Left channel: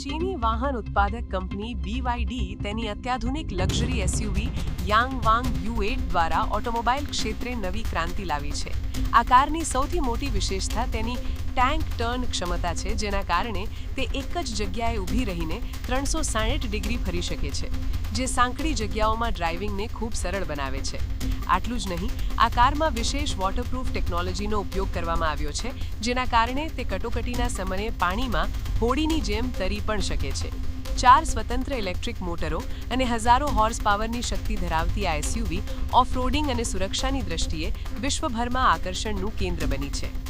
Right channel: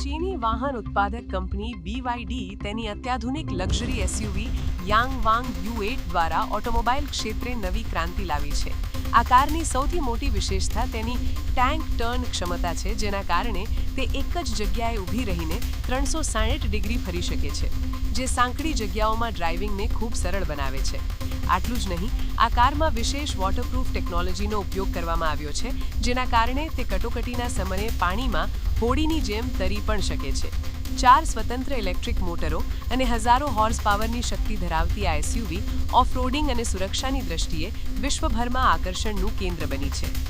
ચીની વાહન ઉત્પાદક કંપની BYD તેની અત્યાધુનિક લક્ઝરી એસયુવી યાંગવાંગ U8 દ્વારા ઓટોમોબાઈલ ક્ષેત્રે નવી ક્રાંતિ લાવી છે. આ કારની સૌથી મોટી વિશેષતા તેની ટેન્ક ટર્ન ક્ષમતા છે, જેના કારણે તે એક જ જગ્યાએ ઊભી રહીને 360 ડિગ્રી ફરી શકે છે, જે સાંકડી જગ્યાઓમાં ડ્રાઇવિંગને ખૂબ સરળ બનાવે છે. આટલું જ નહીં, આ કારમાં વિશેષ વોટરપ્રૂફ ટેકનોલોજીનો ઉપયોગ કરવામાં આવ્યો છે, જેના કારણે તે કટોકટીના સમયે પાણીમાં હોડીની જેમ તરી પણ શકે છે. 4 સ્વતંત્ર ઇલેક્ટ્રિક મોટરો અને હજારો હોર્સ પાવરની શક્તિ ધરાવતી આ એસયુવી ઓફ-રોડિંગ અને સુરક્ષાની દ્રષ્ટિએ વિશ્વભરમાં આકર્ષણનું કેન્દ્ર બની છે.